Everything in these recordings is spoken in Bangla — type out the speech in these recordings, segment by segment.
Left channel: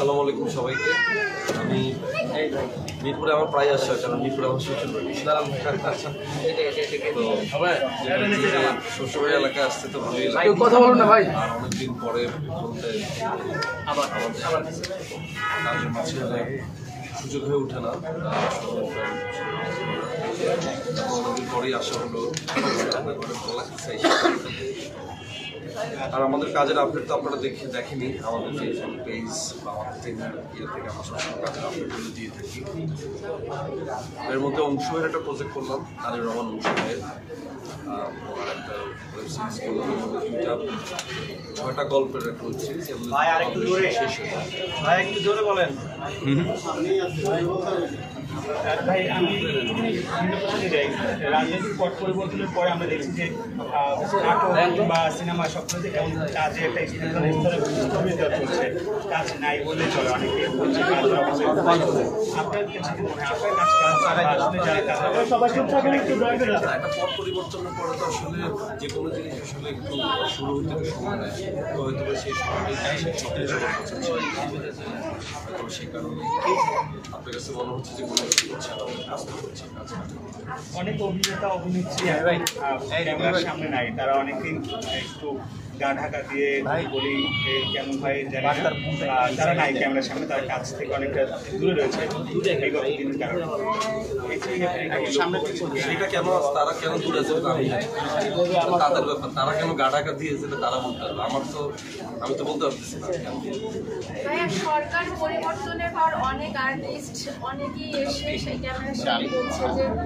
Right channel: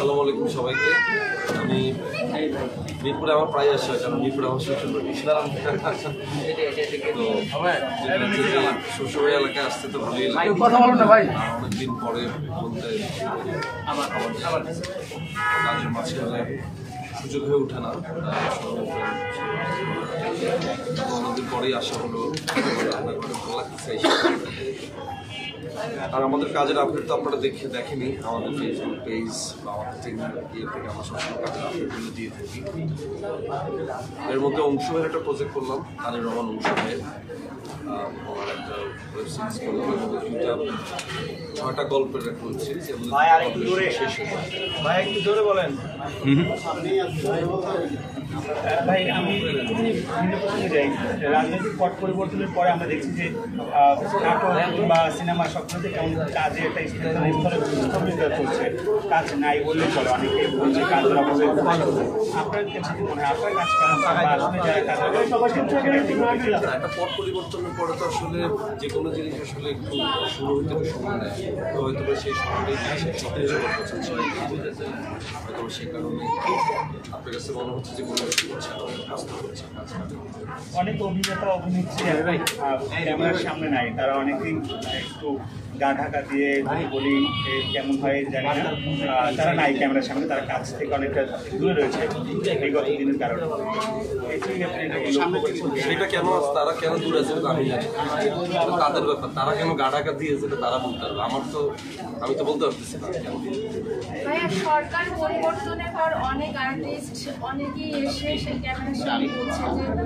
আসসালামু আলাইকুম সবাইকে। আমি মিরপুরে আমার প্রায় আসা, কারণ মিরপুরে আমার শ্বশুরবাড়ি। তো শ্বশুরবাড়ি এলাকায় আসতে তো ভালোই লাগে। কথা বলুন না ভাই। অনেকদিন পরে বলতে আমাদের কাজের মাঝখানে সুযোগ হয়ে ওঠে না। অনেকদিন পরেই আসা হলো, আপনার ঘরে ভালো লাগছে। আর আমাদের কাজের আপডেট তো আপনারা দেখেনি আমাদের ফেসবুক পেজ বা আমাদের চ্যানেল থেকে আমরা সবসময় কাজের আপডেটগুলো দিয়ে থাকি। এর মধ্যে অংশ ভাইয়ের একটা প্রজেক্ট করলাম, তানির রহমান অংশ ভাইয়ের ওনার একটা ওয়েব সিরিজ করলাম। এর মধ্যে 6টা গল্পের একটা ওয়েব সিরিজ, এর মধ্যে শেষ হয়ে যায়। ভাই একটু জোরে বলেন। ভাই আমি ভিন্ন প্রসঙ্গে যাই। রাজনৈতিক পট পরিবর্তনের পরে আমরা দেখছি যে নাটক বা সিনেমা সবগুলোতে কেমন কাজে একটা স্থবিরতা চলছে, কাজ নাই বললে চলে। অনেকে বলছে কাজের অভাবে আপনার কাছে আপনার কাজ একটা পট পরিবর্তনের পরে তো আসলে যে কোনো জিনিস আসলে একটু শুরু হইতে একটু সময় নেয়। তো হয়তো সেই সময়টাই সবার কাছে ছিল, হয়তো সেই কারণে আপনার কাছে মনে হচ্ছে যে কোনো কিছু করছে না, কাজ করছে কাজ। অনেক অভিনেতা অভিনেত্রী ক্যামেরার সামনে নাই, তারা অনেকদিন একটু গা ঢাকা দিয়ে বলি কেমন হয় জানি না, তারা নাই ক্যামেরার সামনে, তারা কাছ থেকে অনেকটা দূরে রয়েছে বিগত দিনের কারণে। সেটা কেন তারা কেন দূরে আছে আমি জানি, তাদের ব্যাপার। তারা কেন গা ঢাকা দিয়েছে তারা বলতে পারবে, আমি তো বলতে পারতেছি না। সরকার পরিবর্তনের পর অনেক আর্টিস্ট অনেকেই এসে সেই ক্যামেরার সামনে বলছে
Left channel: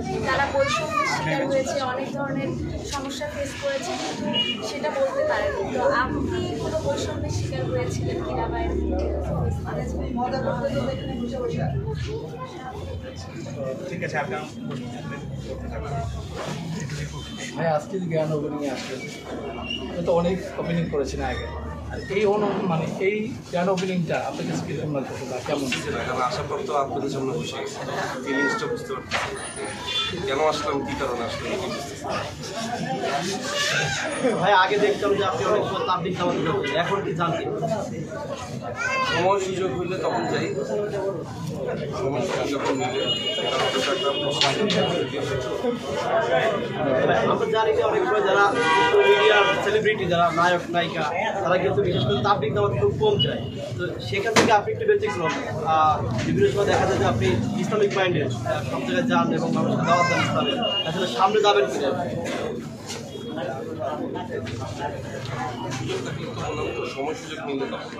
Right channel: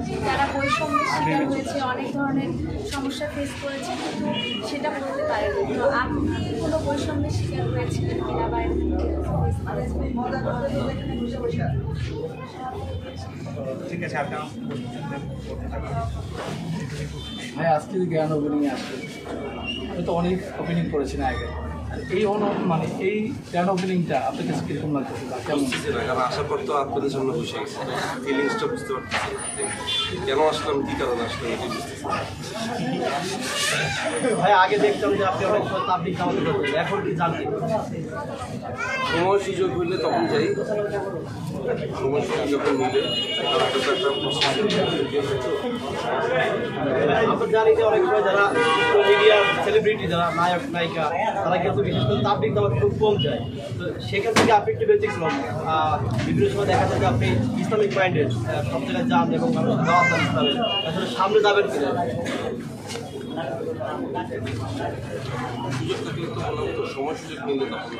যে তারা বৈষম্যের শিকার হয়েছে, অনেক ধরনের সমস্যা ফেস করেছে, কিন্তু সেটা বলতে পারেনি। তো আপনি কোনো বৈষম্যের শিকার হয়েছিলেন কিনা বা ঠিক আছে, আপনি ভাই আজকে যে জ্ঞান ওপেনিংয়ে আসবেন, তো অনেক ওপেনিং করেছেন আগে, আর এই মানে এই জ্ঞান ওপেনিংটা আপনার কাছে কীরকম লাগতেছে বা কেমন? কারণ আসার পর তো আপনাদের সামনে বসে গেছে, ফিলিংসটা বুঝতে পারতেছি না কেন আসলাম, কী কারণে আসলাম এটি বুঝতেছি না। ভাই আগে দেখতাম যে আপনি অনেক পাবলিক খাবার করতেন, এখন কি জানতেন? সময় সুযোগ হইলে তখন যাই, সময় সুযোগ যখন মিলে আমরা জানি যে অনেক সময় যারা মিডিয়ার সেলিব্রিটি, যারা নায়ক নায়িকা, তারা কিন্তু বিশেষ করে তাবলিক দাওয়াত খুব কম যায়। তো সেখান থেকে আপনি একটু ব্যতিক্রম। বিভিন্ন সময় দেখা যায় যে আপনি ইসলামিক মাইন্ডেড, সব জায়গায় যান এবং মানুষকে দাওয়াত দেন ইসলামের, আসলে সামনে যাবেন কিনা? সুযোগ থাকলে তো বললাম তো, সময় সুযোগ মিললে তখন।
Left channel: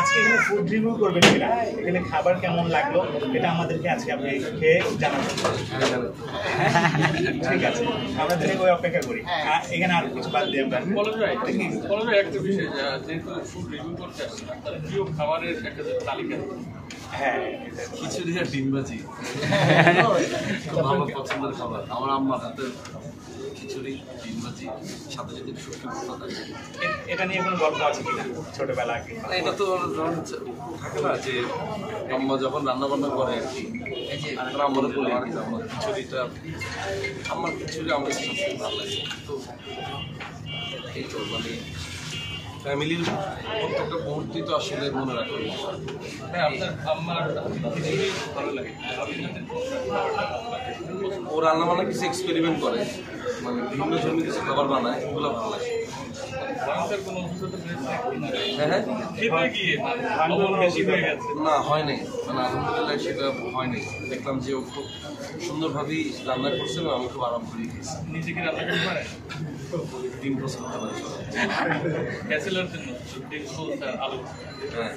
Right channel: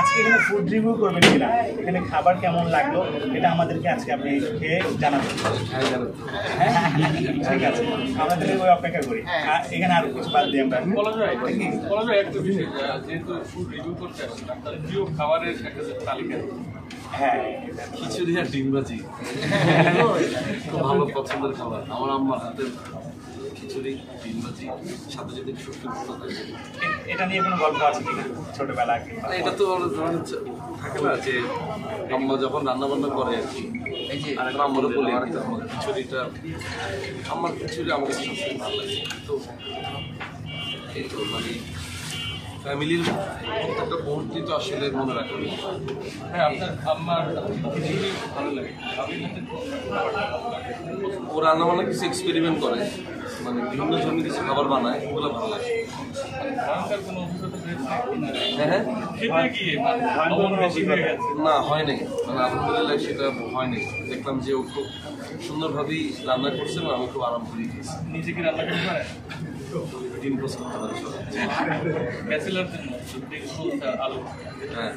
আজকে এখানে ফুড রিভিউ করবেন কিনা, এখানে খাবার কেমন লাগলো এটা আমাদেরকে আজকে আপনি খেয়ে জানাবেন। ঠিক আছে, আমরা যদি ওই অপেক্ষা করি। এখানে আর কিছু বাদ দিয়ে আমরা একটা বিষয়, যেহেতু ফুড রিভিউ করতে আসছি, তার প্রিয় খাবারের একটা তালিকা। হ্যাঁ, খিচুড়ি আর ডিম ভাজি খুব ভালো পছন্দের খাবার আমার আম্মার হাতের। খিচুড়ি, ডিম ভাজি, সাথে যদি শুটকি ভর্তা থাকে। এটা নিয়ে কোনো গল্প আছে কিনা ছোটবেলা? এটা তো থাকে না যে আম্মা যখন রান্না বান্না করে আর কি, আম্মারও বলি আর কি, আমার খিচুড়িটা, আমার খিচুড়ি আমার কাছে সবসময় ভালো লাগে। তো এই তো মানে ফ্যামিলির প্রত্যেকটা মুহূর্তই তো আসলে মনে রাখা। হ্যাঁ, আমার ভালো লাগে। ও রান্না বান্না কিছু এক্সপেরিমেন্ট করে, মানে বিভিন্ন ধরনের কিছু খাবার বানায়, ওগুলো ভালো লাগে। হ্যাঁ না, হয় নাই, মানে আলহামদুলিল্লাহ সেটা হয় নাই। দেখলাম যে ও খুব সুন্দরভাবেই রান্না করছে এবং আমি খুব আরাম করে দিয়েছি। নিজে কি রান্না করতে পারে? ডিম পোস্ট করতে পারি, ব্যাচেলার আলু। হ্যাঁ।